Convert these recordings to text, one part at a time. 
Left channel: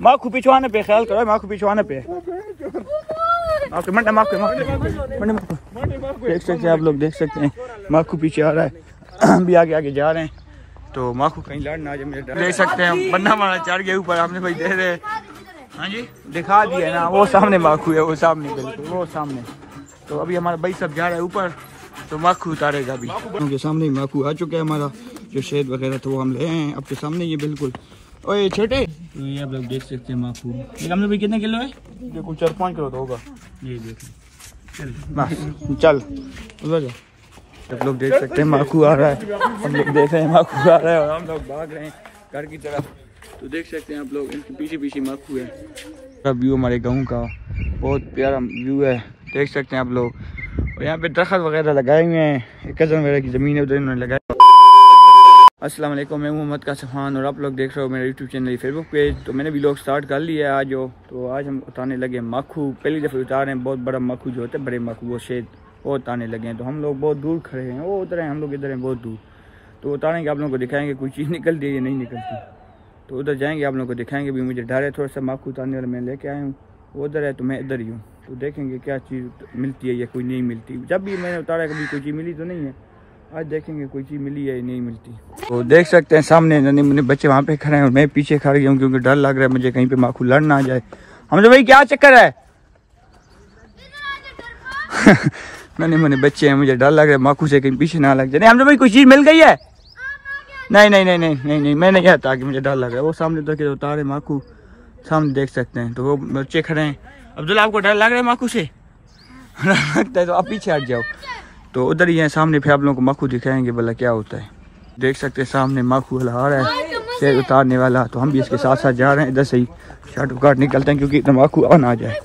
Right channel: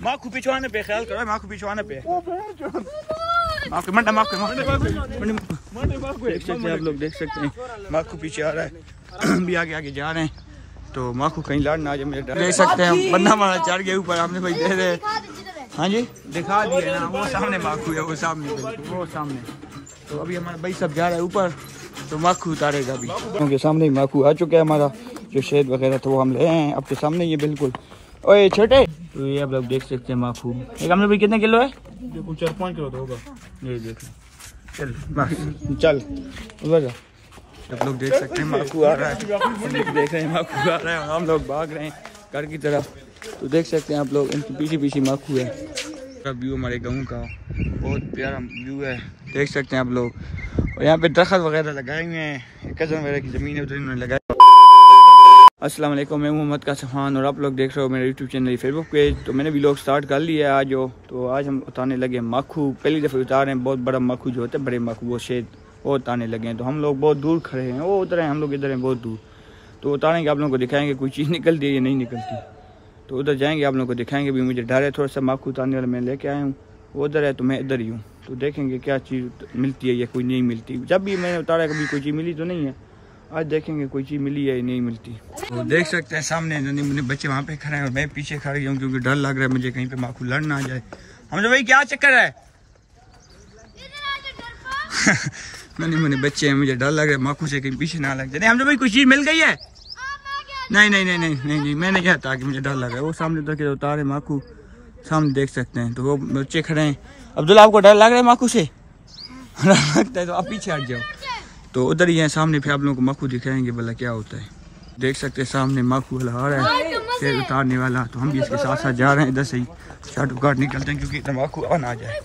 माखू पिछवाने पे ख्याल करो, माखू पिछवाने पे देख सकते हैं आप लोग, देख सकते हैं माखू पीछे आ रहा है, भी आगे आगे जा रहे हैं। तो माखू कहीं लड़ ना आ जाए, मुझे देख सकते हैं बन्ना मारा चढ़ गया ऊपर, हमने भाई दे रहे। हाँ जी दिखा दिया ना, वो सामने माखू है, वो सामने बिल्कुल वो सामने। तो अभी हमारा भाई सब जा रहा है ऊपर, तो माखू उतारेगा अभी। उनके सामने ही माखू आ चुका है हमारा, जो शेद वगैरह था वो हम ले आए हैं आपके सामने ये बिल्कुल। ओए छोटे, तो ये आप लोग देख सकते हैं माखू, हमने भाई कितने किलो है? देखो 4-5 किलो तो होगा। ये देखिए चल चल उधर जा। आप लोग देख सकते हैं माखू आ रहा है, हम लोग देख रहे हैं माखू आ रहा है और हम लोग भाग रहे हैं घर की तरफ। तो देख सकते हैं आप लोग, इनके पीछे पीछे माखू है। व्यू हमारे गाँव का बहुत प्यारा व्यू है, देख सकते हैं आप लोग। और यहाँ पे दरख्त वगैरह लगाए हुए हैं, कज़न वगैरह की ज़मीन है उधर इन्होंने लगाया। अस्सलाम वालेकुम, मैं मोहम्मद कासिम खान और आप लोग देख रहे हो मेरा यूट्यूब चैनल फेसबुक पेज। तो मैंने व्लॉग स्टार्ट कर लिया है आज हो। तो आज हम उतारने लगे माखू, पहली दफ़ा उतार रहे हैं। बहुत बड़ा माखू जो होता है, बड़े माखू वो शेद वो उतारने लगे हैं। तो हम लोग बहुत दूर खड़े हैं, वो उधर हैं, हम लोग इधर हैं बहुत दूर। तो उतारेंगे, आप लोगों को दिखाएंगे कोई चीज़ निकलती है या नहीं निकलती। तो उधर जाएंगे, आप लोगों को दिखाएंगे। भी मुझे डर है थोड़ा सा, माखू उतारने वाला मैं लेके आया हूँ, वो उधर है तो मैं इधर ही हूँ। तो देखेंगे क्या चीज़ मिलती है या कोई नहीं मिलती। जब भी मैंने उतारा कभी कोई चीज़ मिली तो नहीं है, आज देखेंगे कोई चीज़ मिली है या नहीं मिलती। तो देख सकते हैं सामने नन्हे मुन्ने बच्चे वहाँ पे खड़े हैं और मैं पीछे खड़ गया हूँ, क्योंकि डर लग रहा है मुझे कहीं पे माखू लड़ ना आ जाए। हम तो भाई क्या चक्कर है नन्हे मुन्ने बच्चे हैं, मुझे डर लग रहा है माखू से कहीं पीछे ना लग जाए। हम तो भाई कोई चीज़ मिल गई है? नहीं नहीं नहीं नहीं नहीं नहीं मैं नहीं आता कि मुझे डर लग रहा है। वो सामने उतर के उतारे माखू, सामने देख सकते हैं। तो वो बच्चे खड़े हैं। अब्दुल्ला आपको डर लग रहा है माखू से? लगता है तो आप पीछे हट जाओ। तो उधर ही है सामने, फिर आप लोगों को माखू दिखाएंगे भला क्या होता है। देख सकते हैं सामने माखू वाला आ रहा है, शेर उतारने वाला। तो हम भी इसके साथ साथ जा रहे हैं, इधर से ही शॉर्ट काट निकलते हैं क्योंकि इतना माखू आ ना जाए।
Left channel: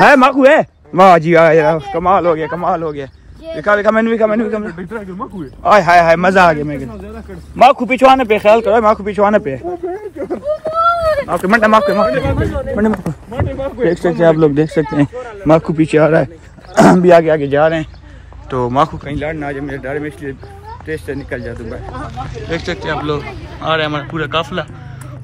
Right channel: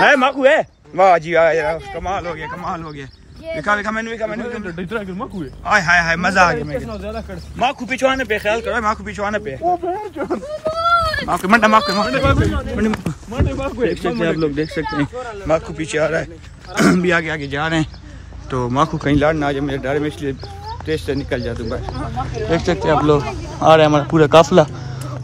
है माखू है, वाह जी आया, कमाल हो गया कमाल हो गया। दिखा दिखा मैंने हाय हाय हाय मजा आ गया। माखू पिछवाने पे ख्याल करो, माखू पिछवाने पे देख सकते हैं आप लोग, देख सकते हैं माखू पीछे आ रहा है, भी आगे आगे जा रहे हैं। तो माखू कहीं लड़ ना आ जाए, मेरे डर में, इसलिए तेज से निकल जाता हूँ। देख सकते हैं आप लोग, आ रहा है हमारा पूरा काफिला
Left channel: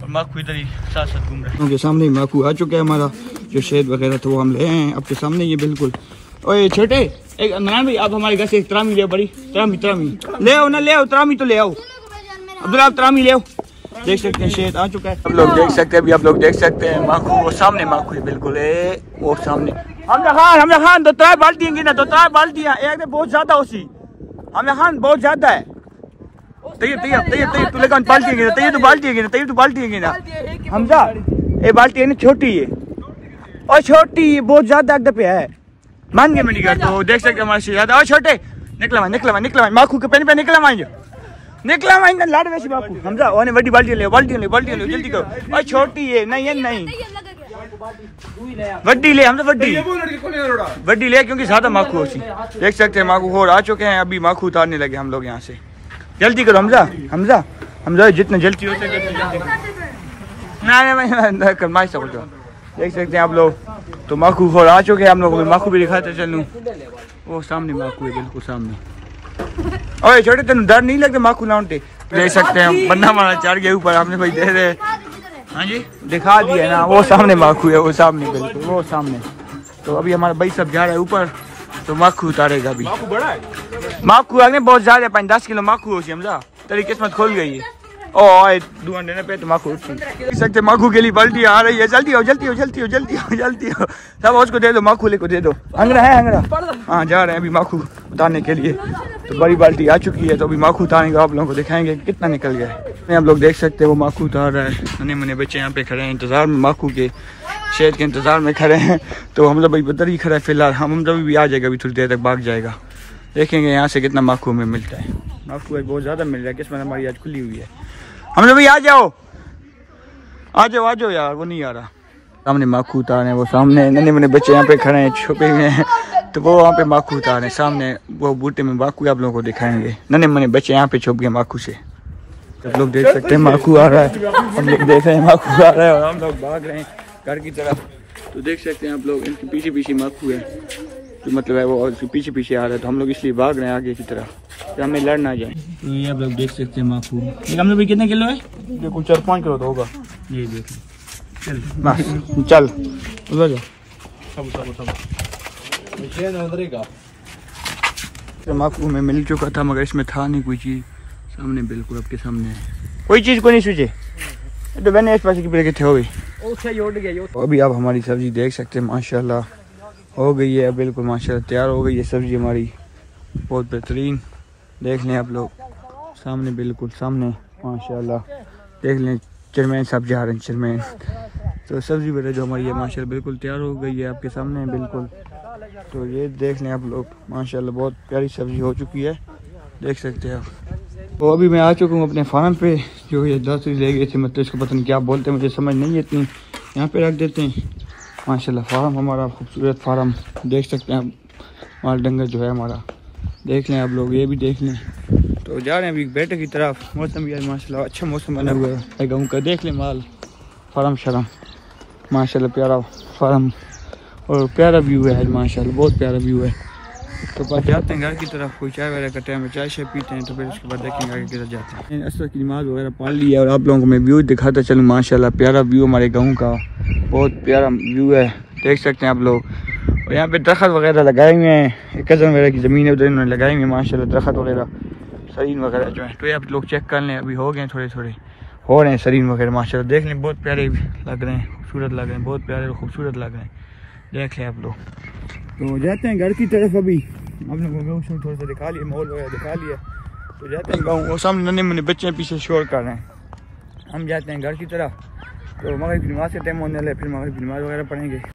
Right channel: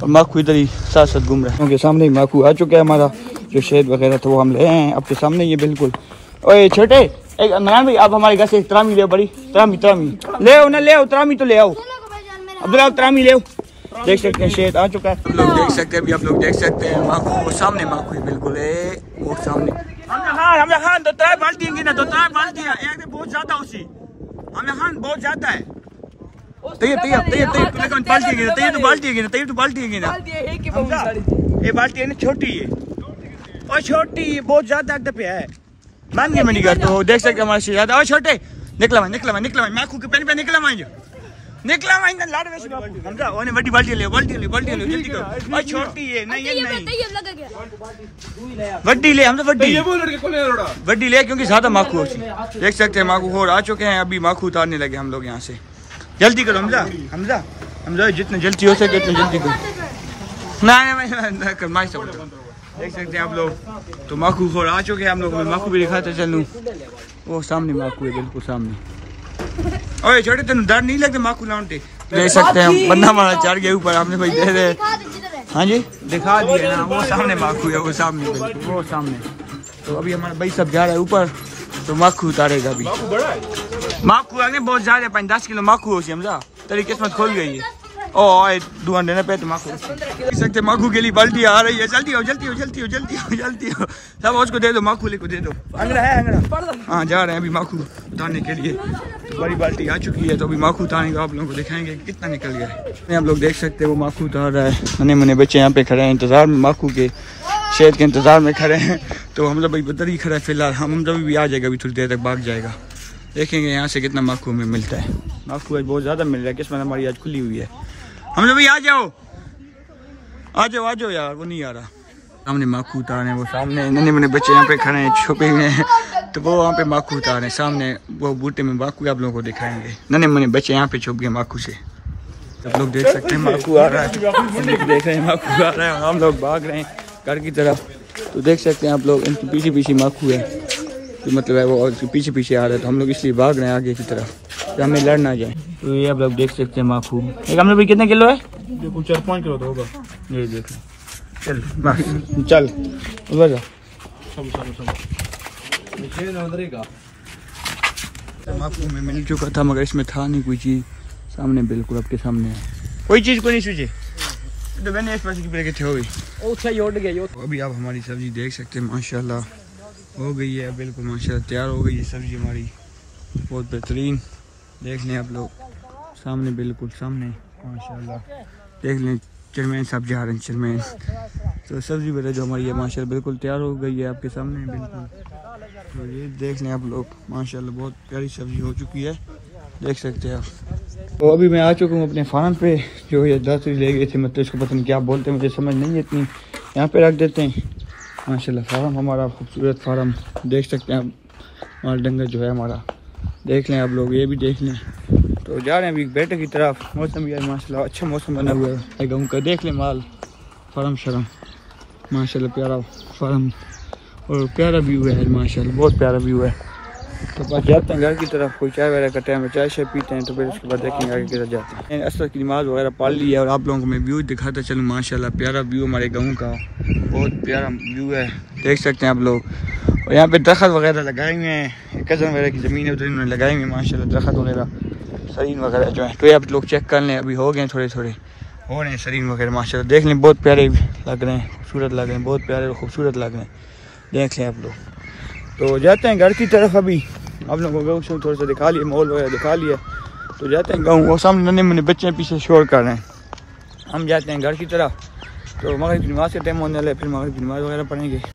और माखू इधर ही साथ साथ घूम रहा है। उनके सामने ही माखू आ चुका है हमारा, जो शेद वगैरह था वो हम ले आए हैं आपके सामने ये बिल्कुल। ओए छोटे, एक नारायण भाई आप हमारे घर से त्रामी ले, बड़ी त्रामी ले आओ ना, ले आओ त्रामी तो ले आओ। अब्दुल्ला आप त्रामी ले आओ। देख सकते हैं शेद आ चुका है, हम लोग देख सकते हैं। अभी आप लोग देख सकते हैं माखू, वो सामने माखू है बिल्कुल, वो सामने। हमने खान दो त्रै बाल्टियाँ गिना, दो त्रै बाल्टियाँ बहुत ज्यादा होती। हमने खान बहुत ज्यादा है। तैयार तैयार तैयार तैयार तू लेकर बाल्टियाँ गिना, तैयार तो बाल्टियाँ गिना, तैयार तो बाल्टियाँ गिना। हमजा ये बाल्टी है ना छोटी है, और छोटी बहुत ज्यादा अड्डे पे है, मान गए मेरी घर। तो देख सकते हमारे से ज्यादा। और छोटे निकला निकला माखू के पेन पे निकला लाड़ वैसी माखू। हमजा ओने बड़ी बाल्टी ले जल्दी करो। और छोटी है नहीं है, नहीं वड्डी ले, हम तो वड्डी ले क्योंकि ज्यादा माखू होती। देख सकते हैं माखू और आ चुके हैं, अभी माखू उतारने लगे हम लोग यहाँ से। जल्दी करो हमजा जितना जल्दी हो सके उतनी जल्दी करो। देख सकते हैं आप लोग, तो माखू और आ चुके हैं हम लोग। माखू भी दिखाते चलूँ, वो सामने माखू है बिल्कुल सामने। ओए छोटे तेन डर नहीं लगता माखू लाउंटे? देख सकते हैं बन्ना मारा चढ़ गया ऊपर, हमने भाई दे रहे। हाँ जी दिखा दिया ना, वो सामने माखू है, वो सामने बिल्कुल वो सामने। तो अभी हमारा भाई सब जा रहा है ऊपर, तो माखू उतारेगा अभी। माखू आगे बहुत ज्यादा 5-10 किलो माखू हो समझा, तेरी किस्मत खोल गई है। ओ ढूंढ देने पे तो माखू देख सकते, माखू के लिए बाल्टी आ रही है। जल्दी हो सब उसको दे दो, माखू ले को दे दो। हंगरा है हंगरा, हाँ जा रहे हैं अभी माखू उतारने के लिए। तो बड़ी बाल्टी आ चुकी है, तो अभी माखू उतारेंगे, आप लोगों को दिखाएंगे कितना निकल गया है। आप लोग देख सकते हैं वो माखू उतार रहा है, नन्हे मुन्ने बच्चे यहाँ पे खड़े हैं इंतजार में, माखू के शेद के इंतजार में खड़े हैं। तो हम लोग भाई उधर ही खड़ा है फिलहाल, हम जब भी आ जाएगा अभी थोड़ी देर तक भाग जाएगा। देखेंगे यहाँ से कितना माखू हमें मिलता है। माखू आज बहुत ज़्यादा मिल रहा है, किस्मत हमारी आज खुली हुई है। हम लोग भी आ जाओ यार, वो नहीं आ रहा। सामने माखू उतारे हैं, वो सामने नन्हे मुन्ने बच्चे यहाँ पे खड़े हैं छुपे हुए हैं। तो वो वहाँ पे माखू उतारे हैं, सामने वो बूटे में माखू आप लोगों को दिखाएंगे। नन्हे मुन्ने बच्चे यहाँ पे छुप गए माखू से। आप लोग देख सकते हैं माखू आ रहा है, हम लोग देख रहे हैं माखू आ रहा है और हम लोग भाग रहे हैं घर की तरफ। तो देख सकते हैं आप लोग, इनके पीछे पीछे माखू है, तो मतलब है वो पीछे पीछे आ रहा है। तो हम लोग इसलिए भाग रहे हैं आगे की तरफ, तो हमें लड़ ना जाए। तो ये आप लोग देख सकते हैं माखू। हमने भाई कितने किलो है? देखो 4-5 किलो तो होगा। ये देख चल बस चल उधर जा। माकू में मिल चुका था मगर इसमें था नहीं कोई चीज़। सामने बिल्कुल आपके सामने है, कोई चीज़ को नहीं सूझे। तो मैंने इस पास की पेड़ कितने हो गई। अभी आप हमारी सब्जी देख सकते हैं माशाल्लाह हो गई है बिल्कुल माशाल्लाह तैयार हो गई है सब्जी हमारी बहुत बेहतरीन। देख लें आप लोग सामने बिल्कुल सामने माशाल्लाह देख लें चेयरमैन साहब जा रहे हैं चेयरमैन। तो सब्जी वगैरह जो हमारी है माशाल्लाह बिल्कुल तैयार हो गई है आपके सामने बिल्कुल। तो ये देख लें आप लोग माशाल्लाह बहुत प्यारी सब्जी हो चुकी है देख सकते हैं आप। तो अभी मैं आ चुका हूँ अपने फार्म पे जो ये 10 ले गए थे मतलब इसको पता नहीं क्या बोलते हैं मुझे समझ नहीं है इतनी। यहाँ पे रख देते हैं माशाल्लाह फार्म हमारा खूबसूरत फार्म देख सकते हैं आप। माल डंगर जो है हमारा देख लें आप लोग ये भी देख लें। तो जा रहे हैं अभी बेटे की तरफ। मौसम भी माशाल्लाह अच्छा मौसम बना हुआ है गाँव का। देख लें माल फार्म शर्म माशाल्लाह प्यारा फार्म और प्यारा व्यू है माशाल्लाह बहुत प्यारा व्यू है। तो बस जाते हैं घर की तरफ। कोई चाय वगैरह का टाइम है चाय शाय पीते हैं तो फिर उसके बाद देखेंगे आगे किधर जाते हैं। असर की नमाज़ वगैरह पढ़ ली है और आप लोगों को मैं व्यू दिखाता चलूँ माशाल्लाह प्यारा व्यू हमारे गाँव का बहुत प्यारा व्यू है देख सकते हैं आप लोग। और यहाँ पे दरख्त वगैरह लगाए हुए हैं कज़न वगैरह की ज़मीन है उधर इन्होंने लगाई हुई है माशाल्लाह दरख्त वगैरह सरीन वगैरह जो है। तो ये आप लोग चेक कर लें अभी हो गए थोड़े थोड़े हो रहे हैं सरीन वगैरह माशाल्लाह देख लें बहुत प्यारे लग रहे हैं खूबसूरत लग रहे हैं बहुत प्यारे और खूबसूरत लग रहे हैं देख लें आप लोग। तो जाते हैं घर की तरफ। अभी आप लोगों को गाँव थोड़ा सा दिखा लिया माहौल वगैरह दिखा लिया। तो जाते हैं गाँव वो सामने नन्हे मुन्ने बच्चे पीछे शोर कर रहे हैं। हम जाते हैं घर की तरफ। तो मगरिब की नमाज़ का टाइम होने वाला है फिर मगरिब की नमाज़ वगैरह पढ़ेंगे।